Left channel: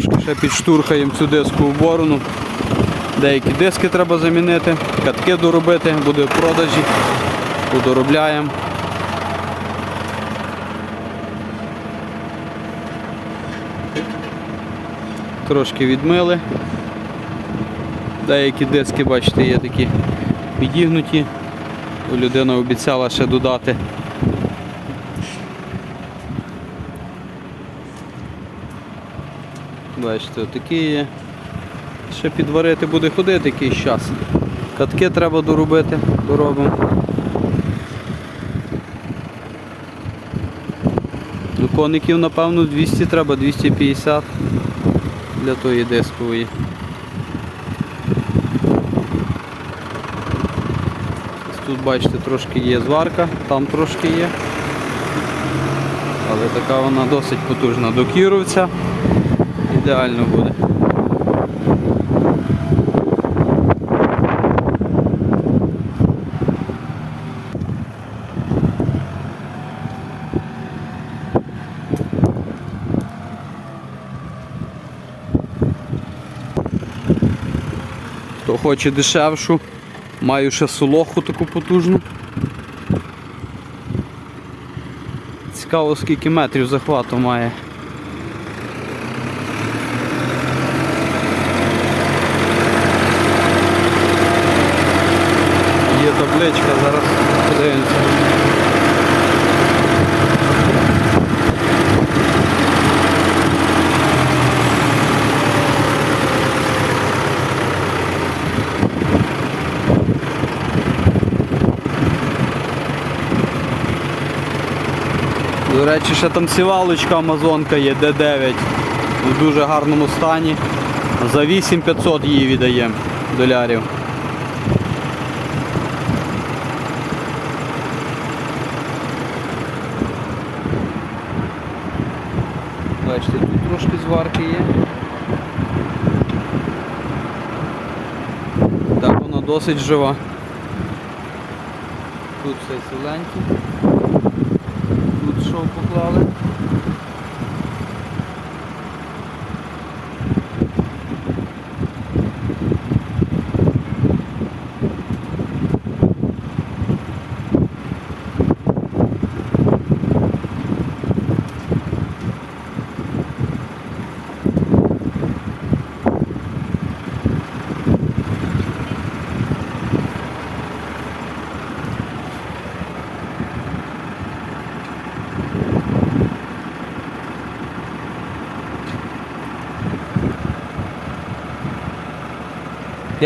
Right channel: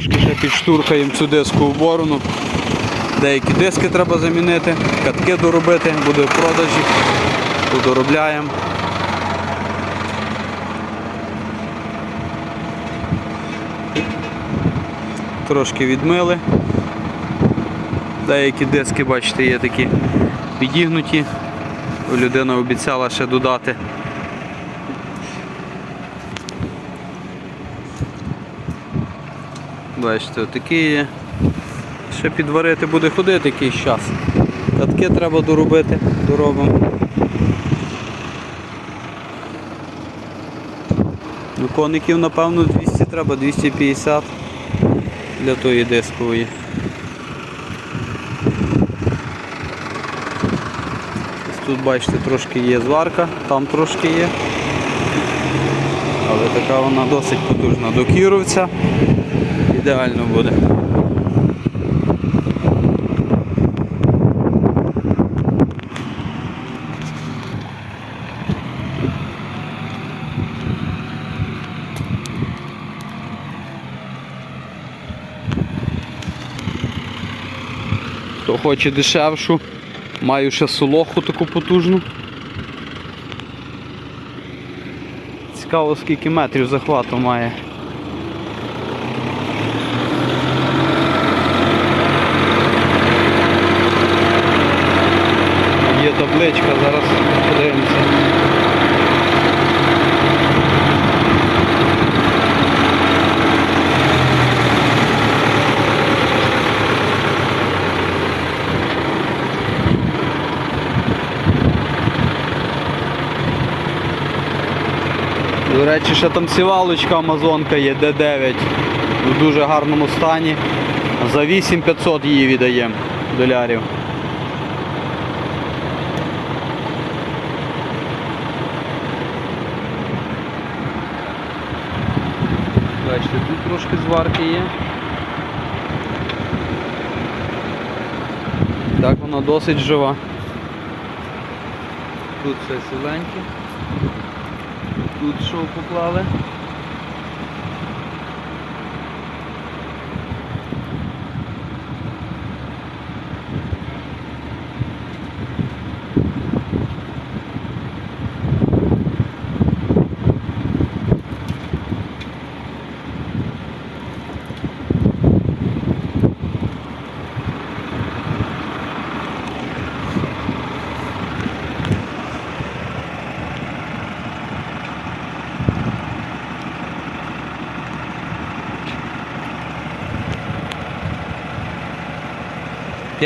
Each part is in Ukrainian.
Трошки ще підштурхаємо цю диску в борону. Деякі диски треба замінити, катки доробити, буде в продажі, подоробляємо. Трошки відмили. Деякі диски, бачите, є такі підігнуті. Людина обіцяла ще додати. Бачите, такі є. Ще підварити буде ходити якийсь час. Катки треба доробити, доробимо. Ну, коників, напевно, 200 треба, 250 для тої дискової. Тут бачите, трошки є зварка, там трошки є. Але така вона досить потужна. До кіровця ідеально буде. Хто хоче дешевшу, маю ще солоху таку потужну. Цікаво скільки метрів захвату має. Є табличка, зараз подивимося. До речі, ще там сівалочка Амазонка є D9 у дуже гарному стані. За 8500 її віддаємо долярів. Бачите, тут трошки зварки є. Так вона досить жива. Тут все ціленьке. Тут що поклали?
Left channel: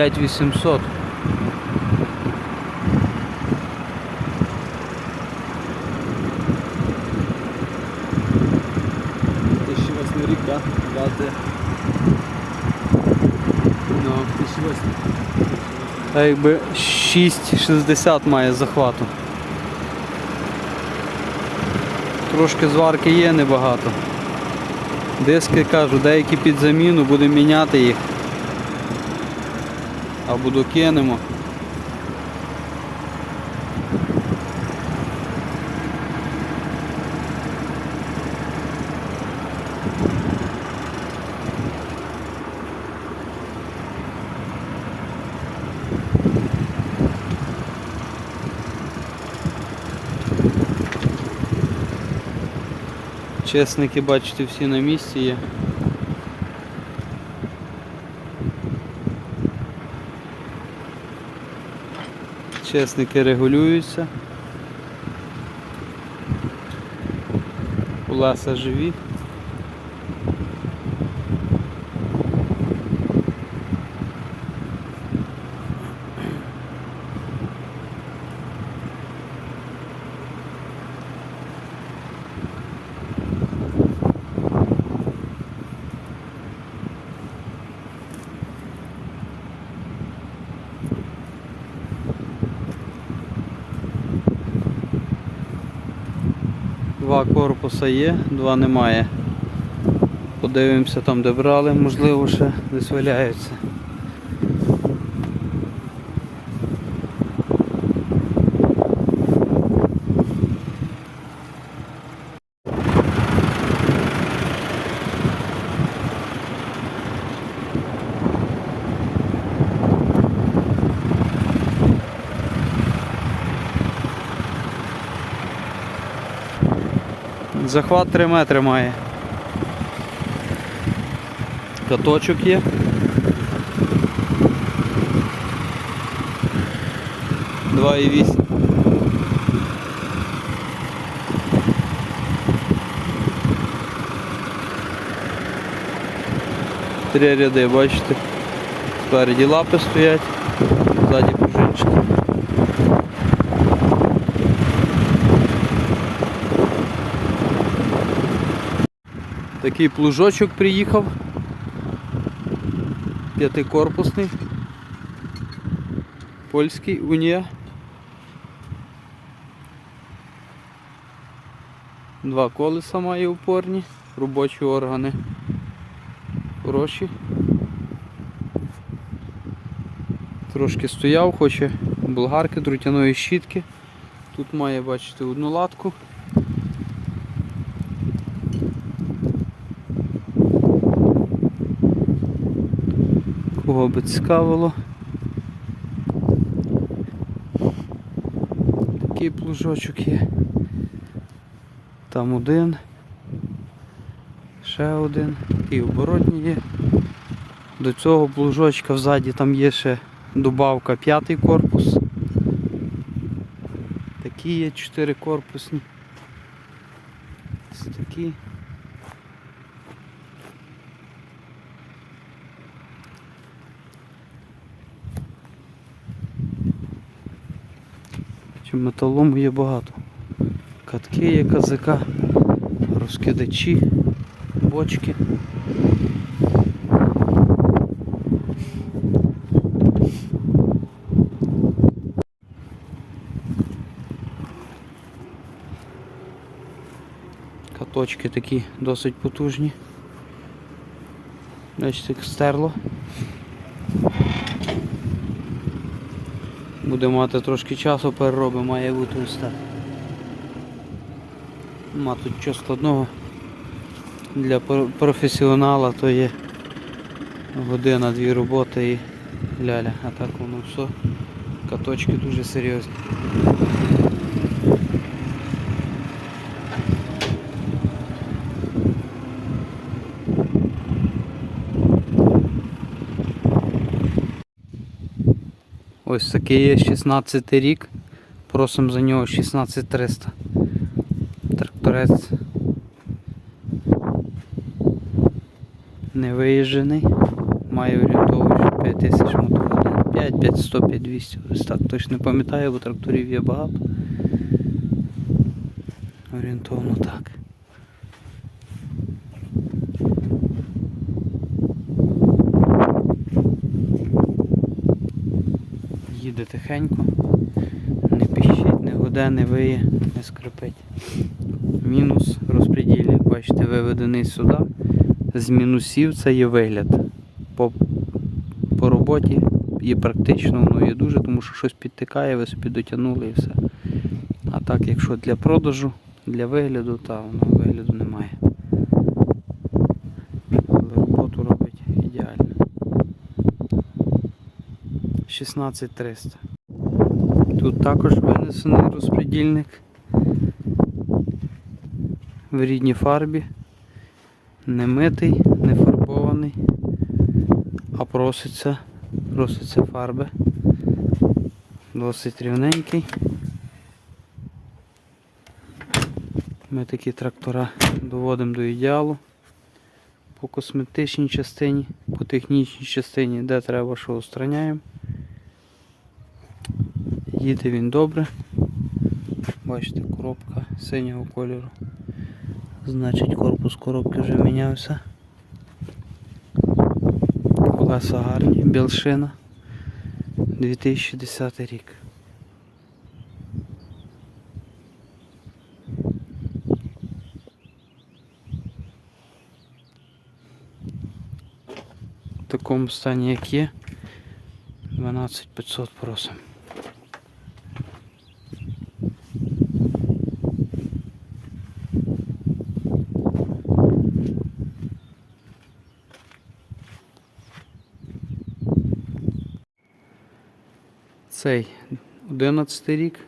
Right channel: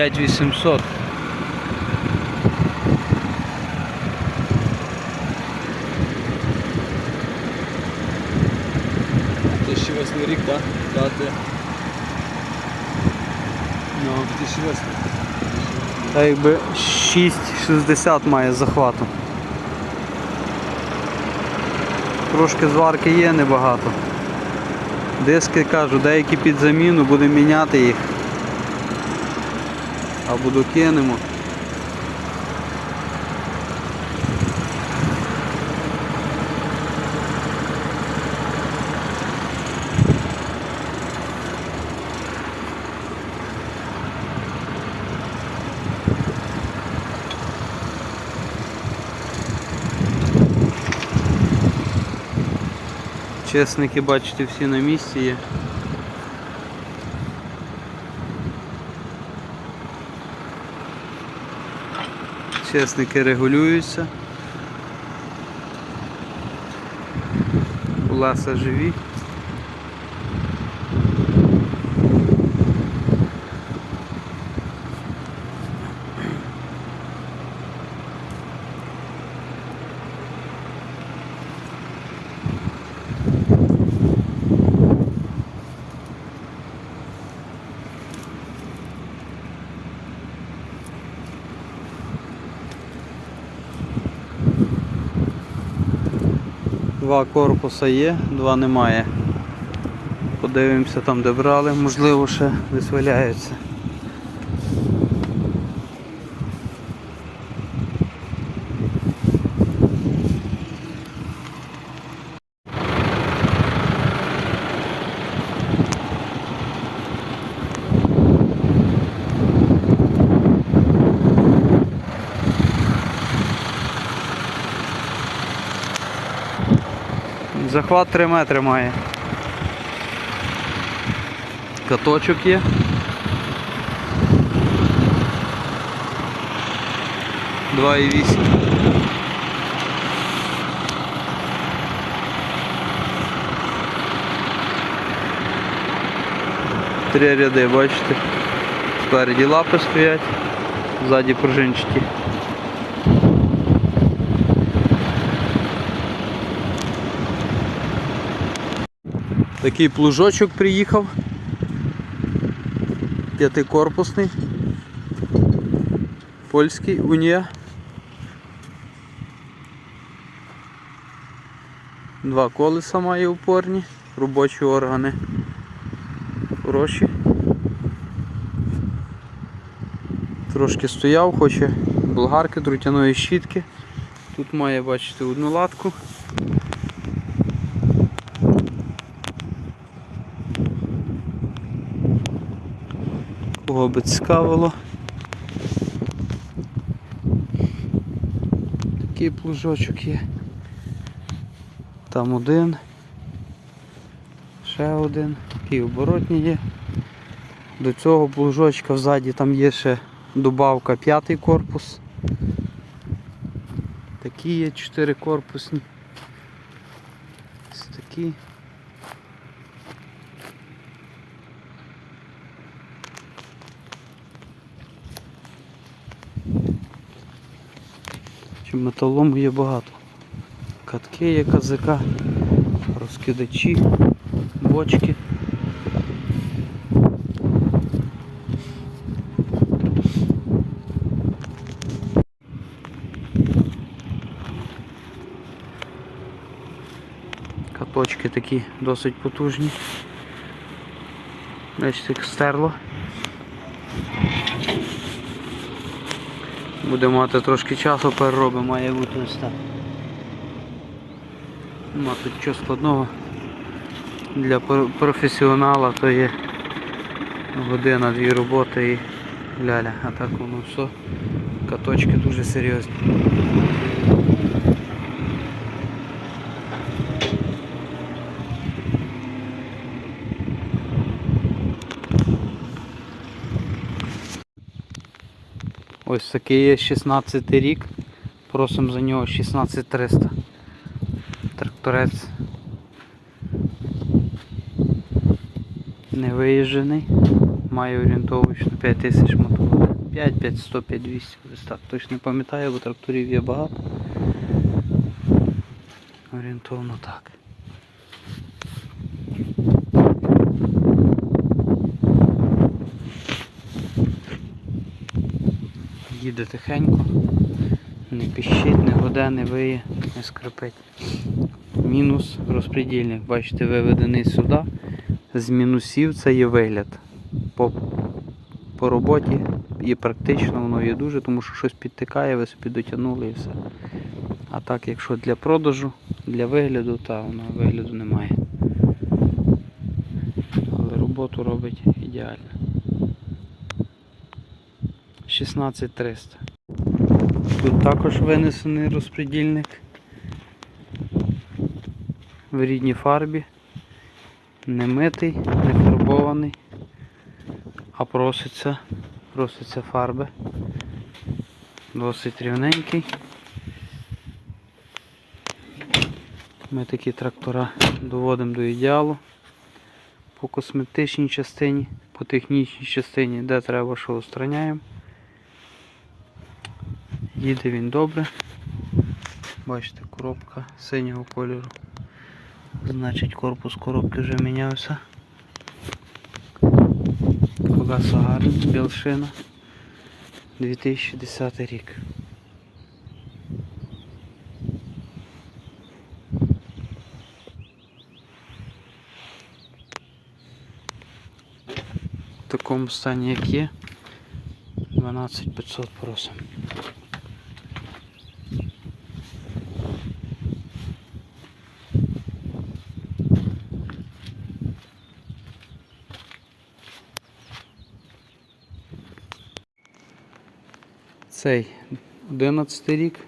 П'ять вісімсот. Тисячі восьмий рік, так? Дати. Ну, Тисячі восьмий. та якби 6,60 має захвату. Трошки зварки є небагато. Диски кажу, деякі під заміну, будемо міняти їх. Або докинемо. Чесники, бачите, всі на місці є. Чесники регулюються. Ласа живі. Корпуса є, два немає. Подивимося там, де брали, можливо, ще десь валяються. Захват 3 метри має. Каточок є. Два і вісім. Три ряди, бачите. Спереді лапи стоять, ззаді пружинчики. Такий плужочок приїхав. П'ятикорпусний. Польський унія. Два колеса має упорні, робочі органи. Хороші. Трошки стояв, хоче болгарки, друтяної щітки. Тут має, бачите, одну латку. Кого би цікавило. Такий плужочок є. Там один. Ще один. Такий оборотні є. До цього плужочка взаді там є ще добавка п'ятий корпус. Такі є чотири корпусні. Ось такі. Чи металому є багато. Катки є казика, розкидачі, бочки. Каточки такі досить потужні. Бачите, як стерло. Буде мати трошки часу, перероби має бути ось так. Нема тут чого складного. Для професіонала то є година-дві роботи і ляля. А так воно все. Каточки дуже серйозні. Ось такий є 16 рік. Просимо за нього 16300. Тракторець. Не виїжджений. Має орієнтовно 5000 мотогодин. 5, 5, 100, 5, 200. Ось так точно не пам'ятаю, бо тракторів є багато. Орієнтовно так. Їде тихенько, не пищить, не гуде, не виє, не скрипить. Мінус розпредільник, бачите, виведений сюди. З мінусів це є вигляд. По, по роботі і практично воно є дуже, тому що щось підтикає, ви собі дотягнули і все. А так, якщо для продажу, для вигляду, то воно вигляду немає. Але роботу робить ідеально. 16300. Тут також винесений розпредільник в рідній фарбі. Не митий, не фарбований, а проситься, проситься фарби. Досить рівненький. Ми такі трактора доводимо до ідеалу по косметичній частині, по технічній частині, де треба, що устраняємо. Їде він добре. Бачите, коробка синього кольору. Значить корпус коробки вже мінявся. Колеса гарні, білшина. 2010 рік. В такому стані як є. 12500 просимо. Цей 11 рік.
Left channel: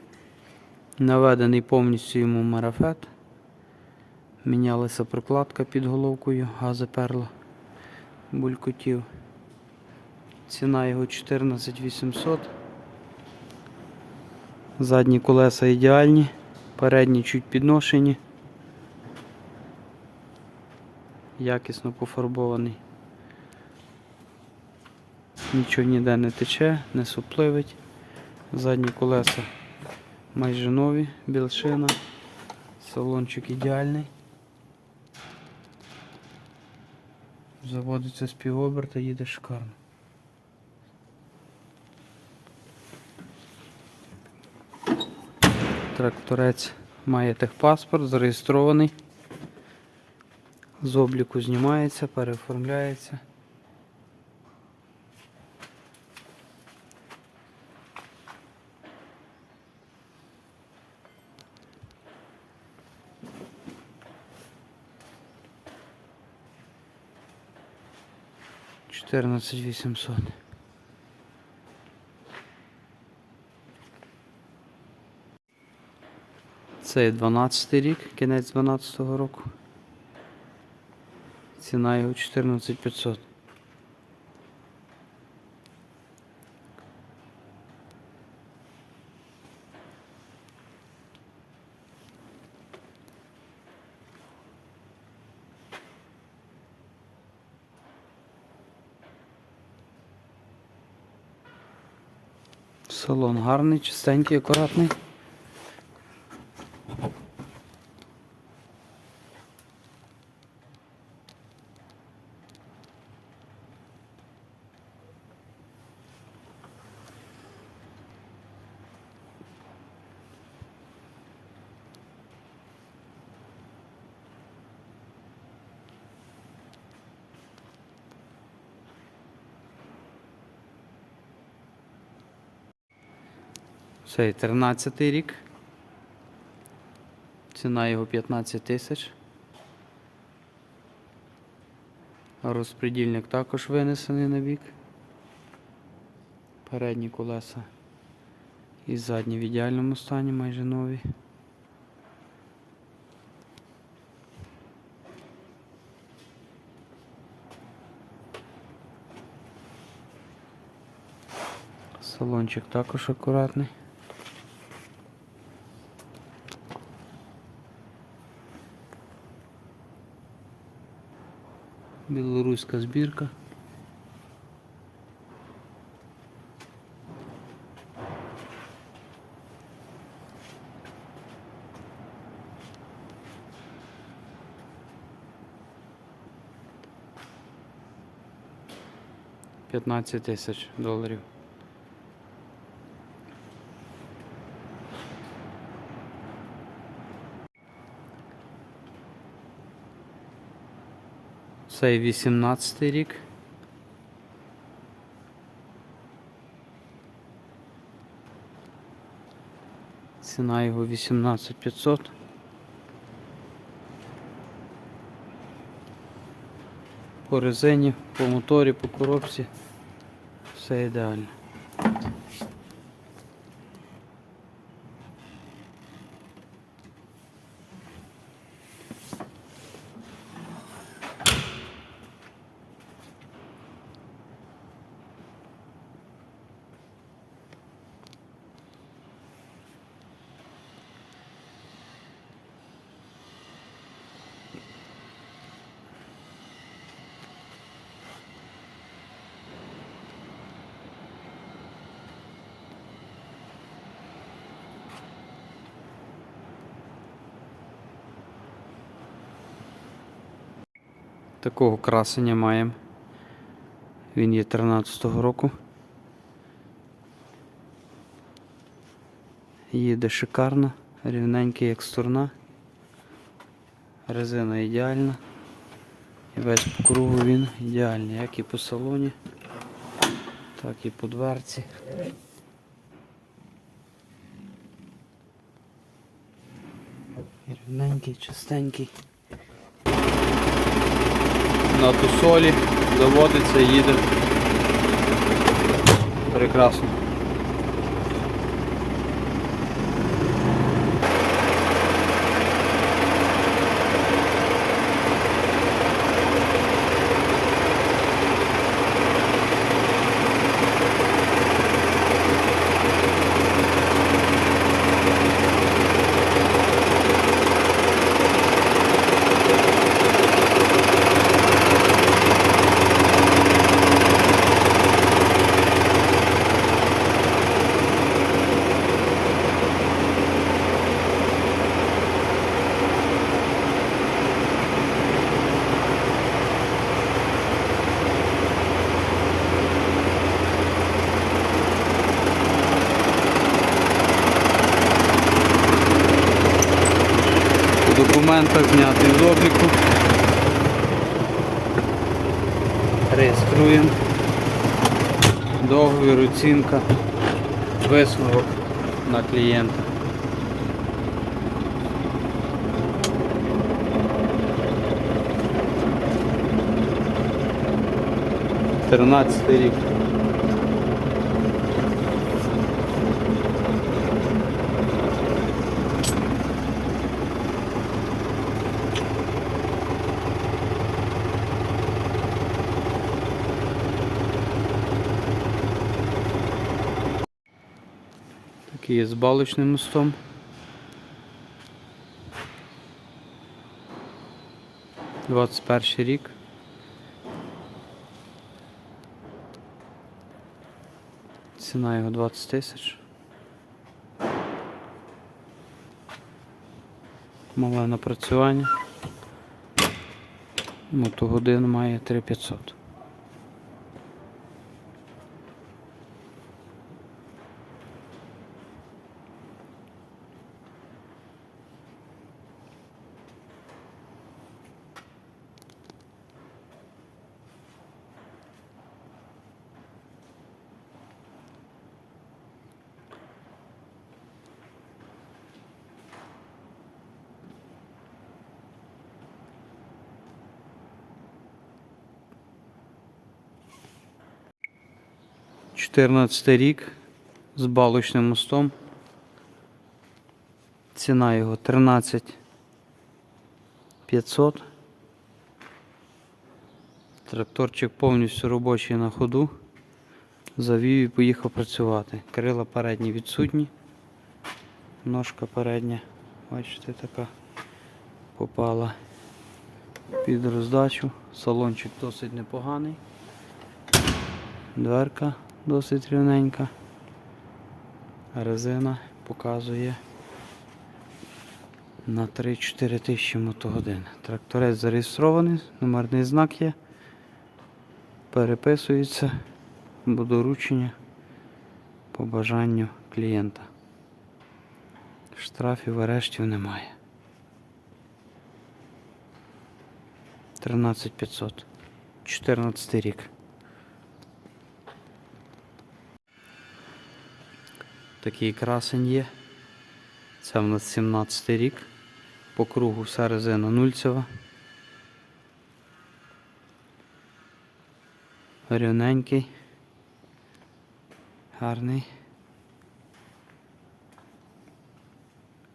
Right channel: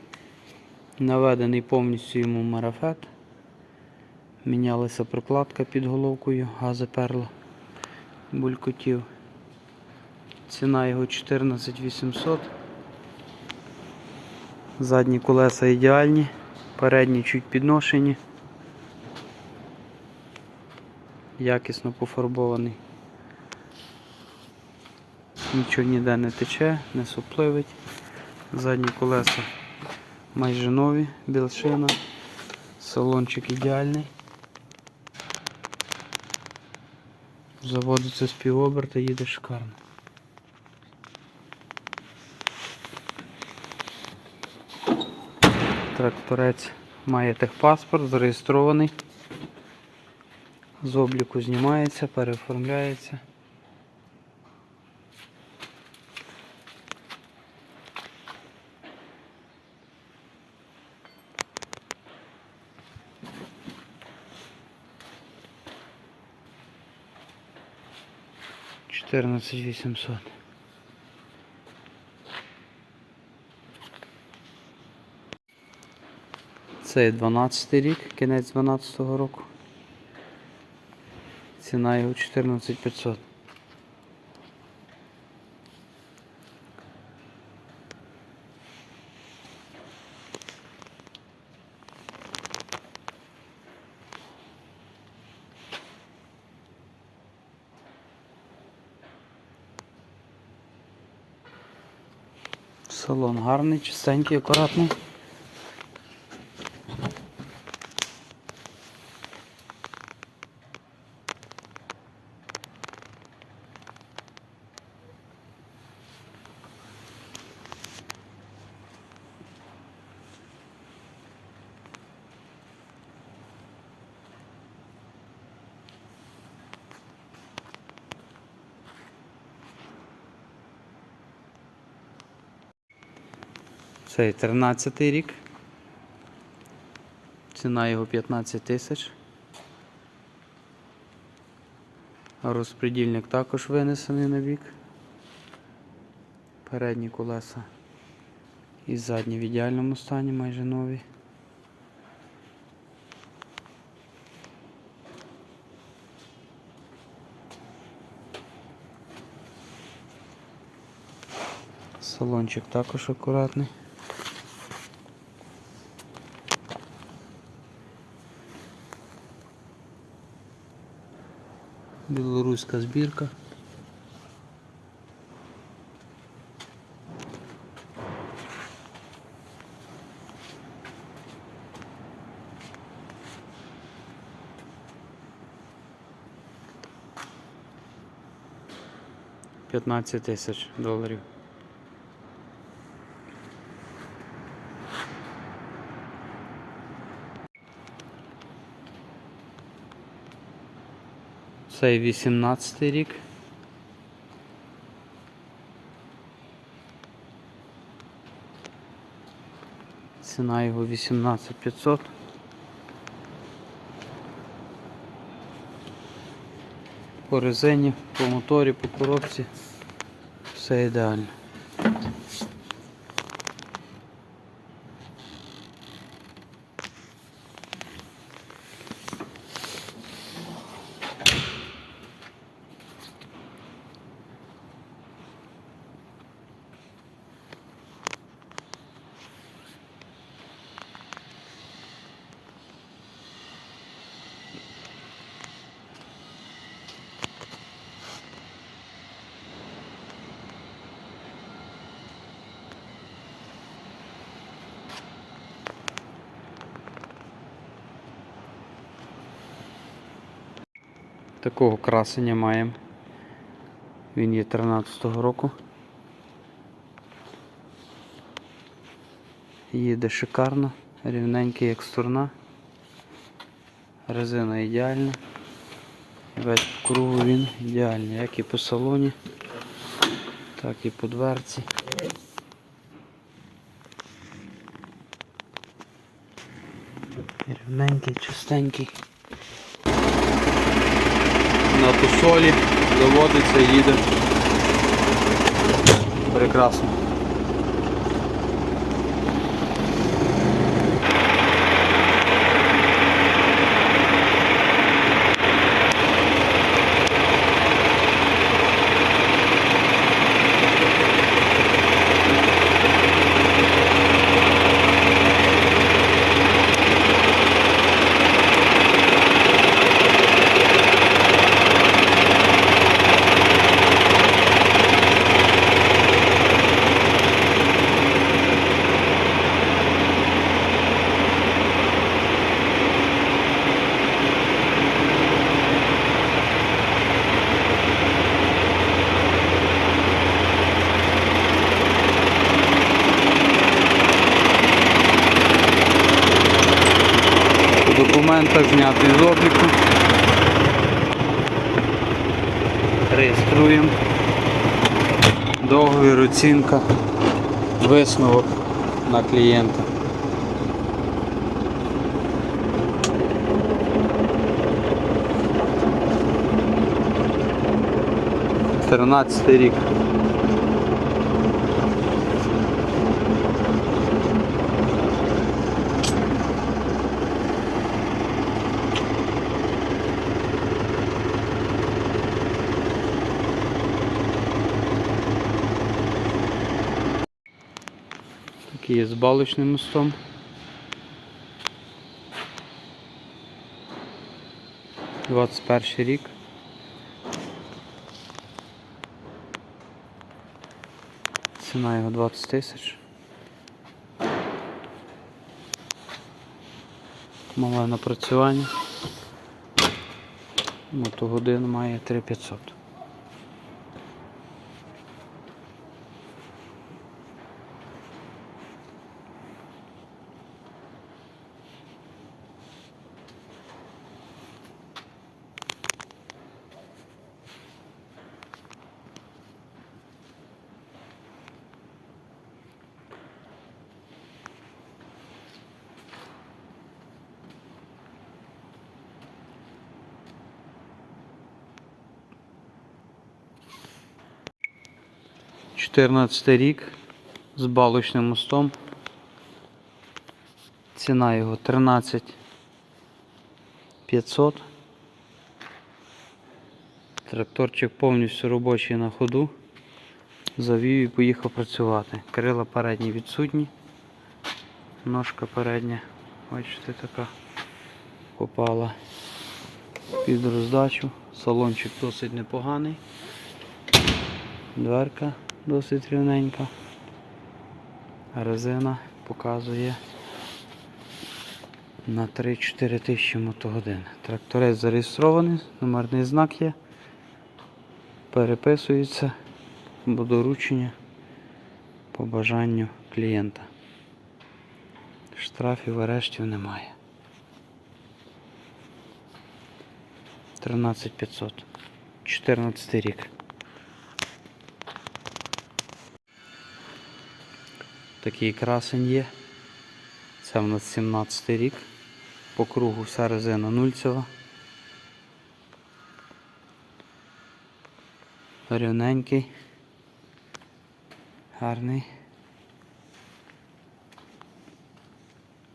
Наведений повністю йому марафет. Мінялася прокладка під головкою, гази перла, булькотів. Ціна його 14 800. Задні колеса ідеальні, передні чуть підношені. Якісно пофарбований. Нічого ніде не тече, не супливить. Задні колеса майже нові, білшина. Салончик ідеальний. Заводиться з півоберта, їде шикарно. Тракторець має техпаспорт, зареєстрований. З обліку знімається, переоформляється. Чотирнадцять вісімсот. Це 12 рік, кінець 12 року. Ціна його 14500. Салон гарний, чистенький, акуратний. Цей 13 рік. Ціна його 15 тисяч. Розпредільник також винесений на бік. Передні колеса і задні в ідеальному стані, майже нові. Салончик також акуратний. Білоруська збірка. П'ятнадцять тисяч доларів. Цей 18 рік. Ціна його 18500. По резині, по моторі, по коробці. Все ідеально. Такого красення маємо. Він є 13-го року. Їде шикарно, рівненький як сторона. Резина ідеальна. Весь по кругу він ідеальний, як і по салоні, так і по дверці. Рівненький, чистенький. На тусолі заводиться, їде. Прекрасно. Документах знятий з обліку. Реєструємо. Договір, оцінка, висновок на клієнта. Тринадцятий рік. Балочним мостом. Двадцять перший рік. Ціна його 20 тисяч. Мале напрацювання. Мотогодин має 3500. Чотирнадцятий рік з балочним мостом. Ціна його 13 500. Тракторчик повністю робочий на ходу. Завів і поїхав працювати. Крила передні відсутні. Ножка передня, бачите, така попала під роздачу. Салончик досить непоганий. Дверка досить рівненька. Резина показує на 3-4 тисячі мотогодин. Тракторець зареєстрований, номерний знак є. Переписується до доручення по бажанню клієнта. Штрафів арештів немає. 13500. 14 рік. Такий красень є. Це в нас 17 рік. По кругу вся резина нульцева. Рівненький. Гарний.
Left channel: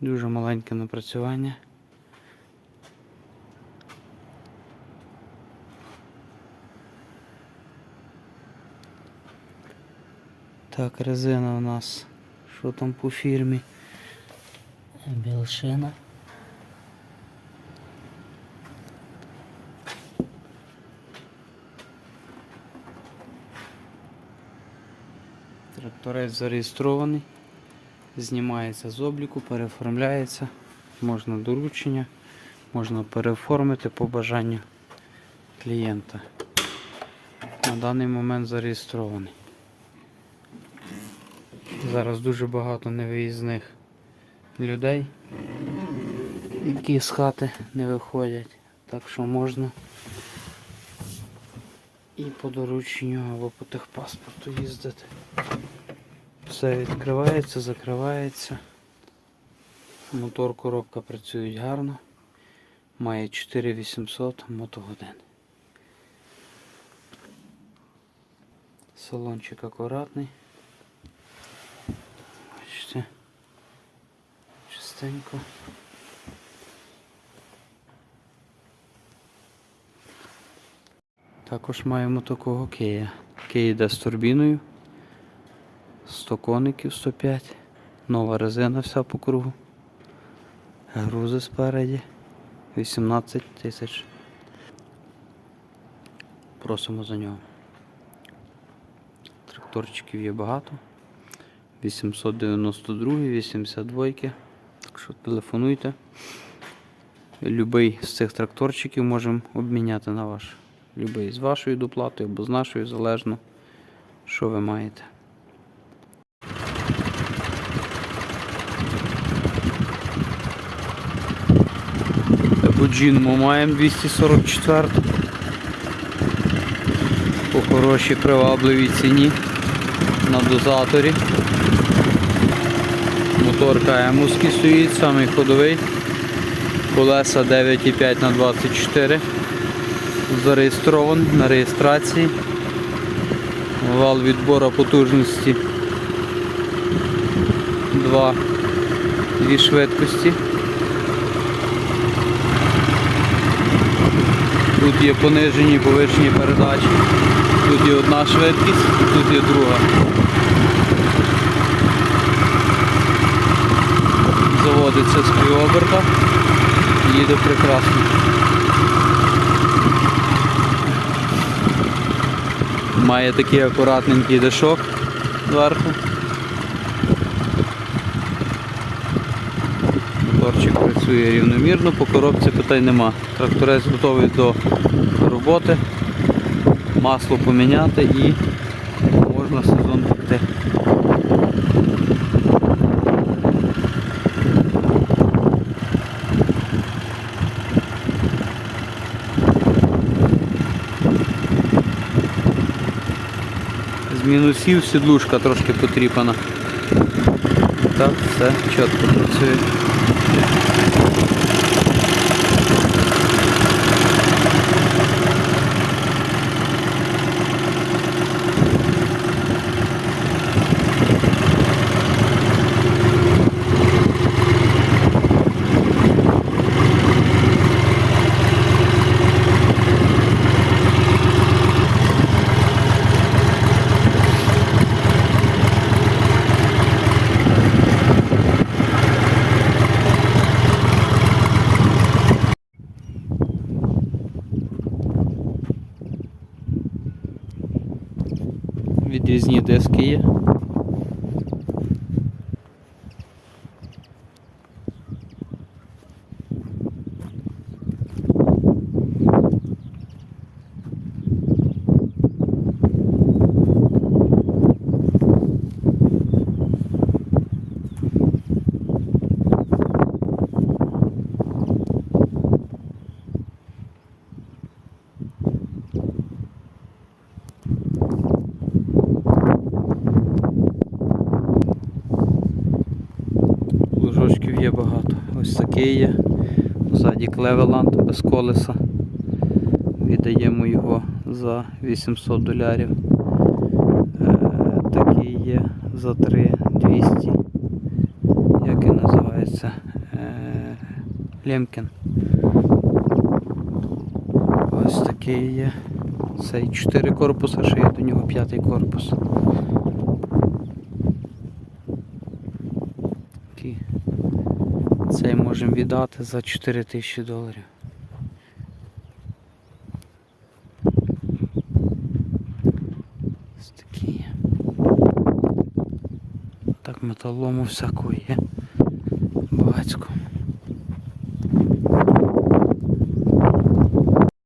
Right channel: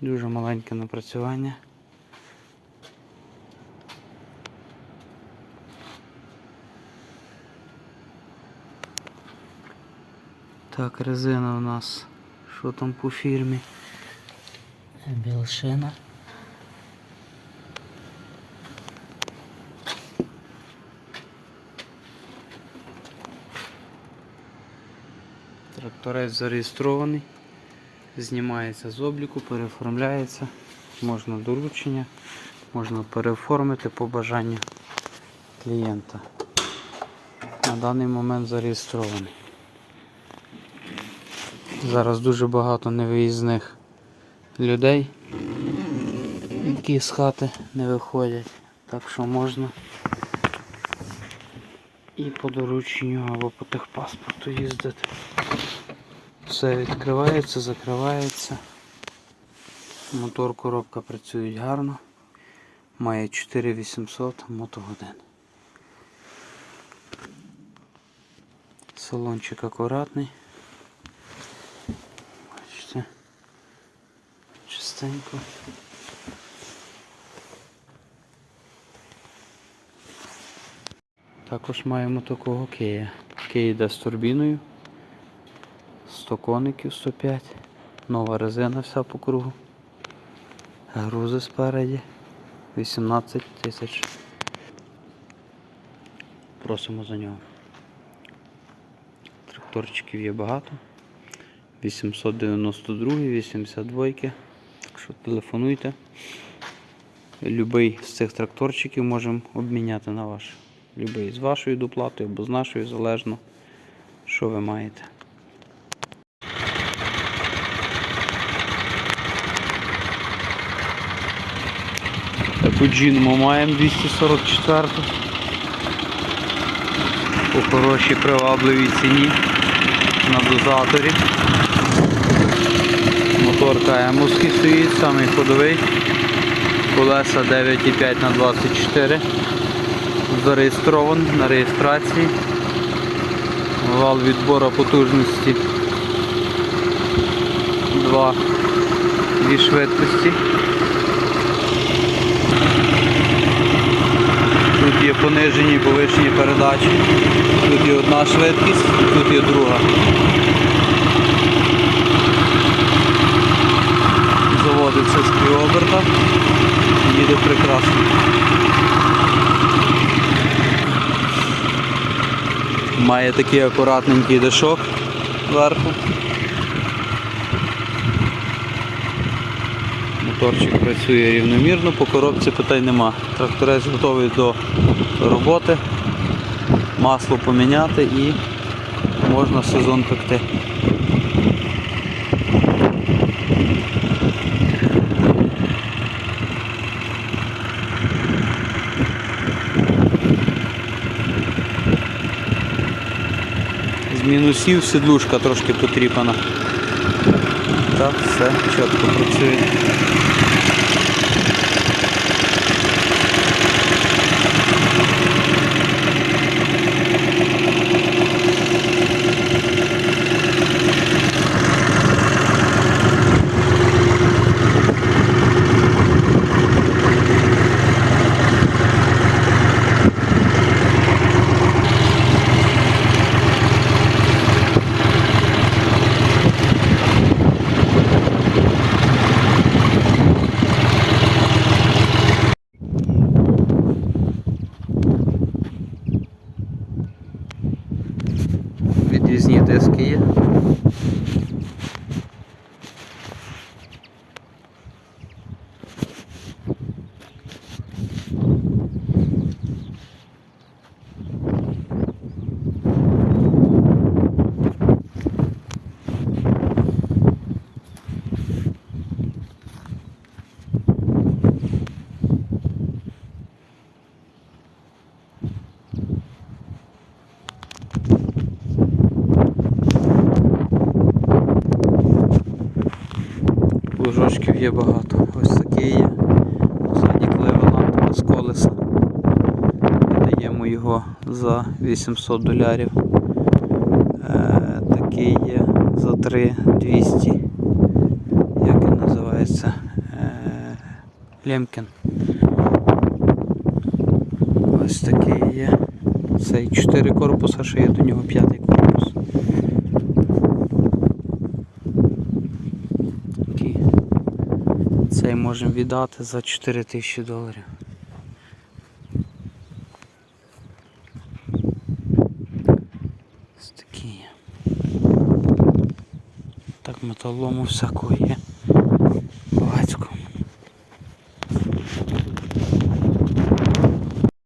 Дуже маленьке напрацювання. Так, резина у нас. Що там по фірмі? Білшина. Тракторець зареєстрований. Знімається з обліку, переоформляється. Можна доручення, можна переоформити по бажанню клієнта. На даний момент зареєстрований. Зараз дуже багато невиїзних людей, які з хати не виходять. Так що можна і по дорученню або по техпаспорту їздити. Все відкривається, закривається. Мотор, коробка працюють гарно. Має 4800 мотогодин. Салончик акуратний. Бачите. Чистенько. Також маємо такого Кия. Кия йде з турбіною. 100 коників 105. Нова резина вся по кругу. Грузи спереді. 18 тисяч. Просимо за нього. Тракторчиків є багато. 892, 82. Так що телефонуйте. Любий з цих тракторчиків можемо обміняти на ваш. Любий з вашою доплатою або з нашою, залежно, що ви маєте. Таку джинму маємо 244. По хорошій привабливій ціні на дозаторі. Моторка емовський стоїть, самий ходовий. Колеса 9,5 на 24. Зареєстрований на реєстрації. Вал відбору потужності 2 дві швидкості. Тут є понижені і повишені передачі. Тут є одна швидкість і тут є друга. Заводиться з півоберта. Їде прекрасно. Має такий акуратненький дешок зверху. Моторчик працює рівномірно, по коробці питань нема. Тракторець готовий до роботи, масло поміняти і можна сезон пекти. Мінусів сідлушка трошки потріпана. Так, все чітко працює. Відрізні диски є. Лужочків є багато. Ось такий є. Ззаді клевеланд без колеса. Віддаємо його за 800 долярів. Е, такий є за 3200. Як він називається? Е, Лемкен. Ось такий є. Цей 4 корпуса, що є до нього п'ятий корпус. Такий. Цей можемо віддати за 4 тисячі доларів. Ось такі є. Так металому всякого є.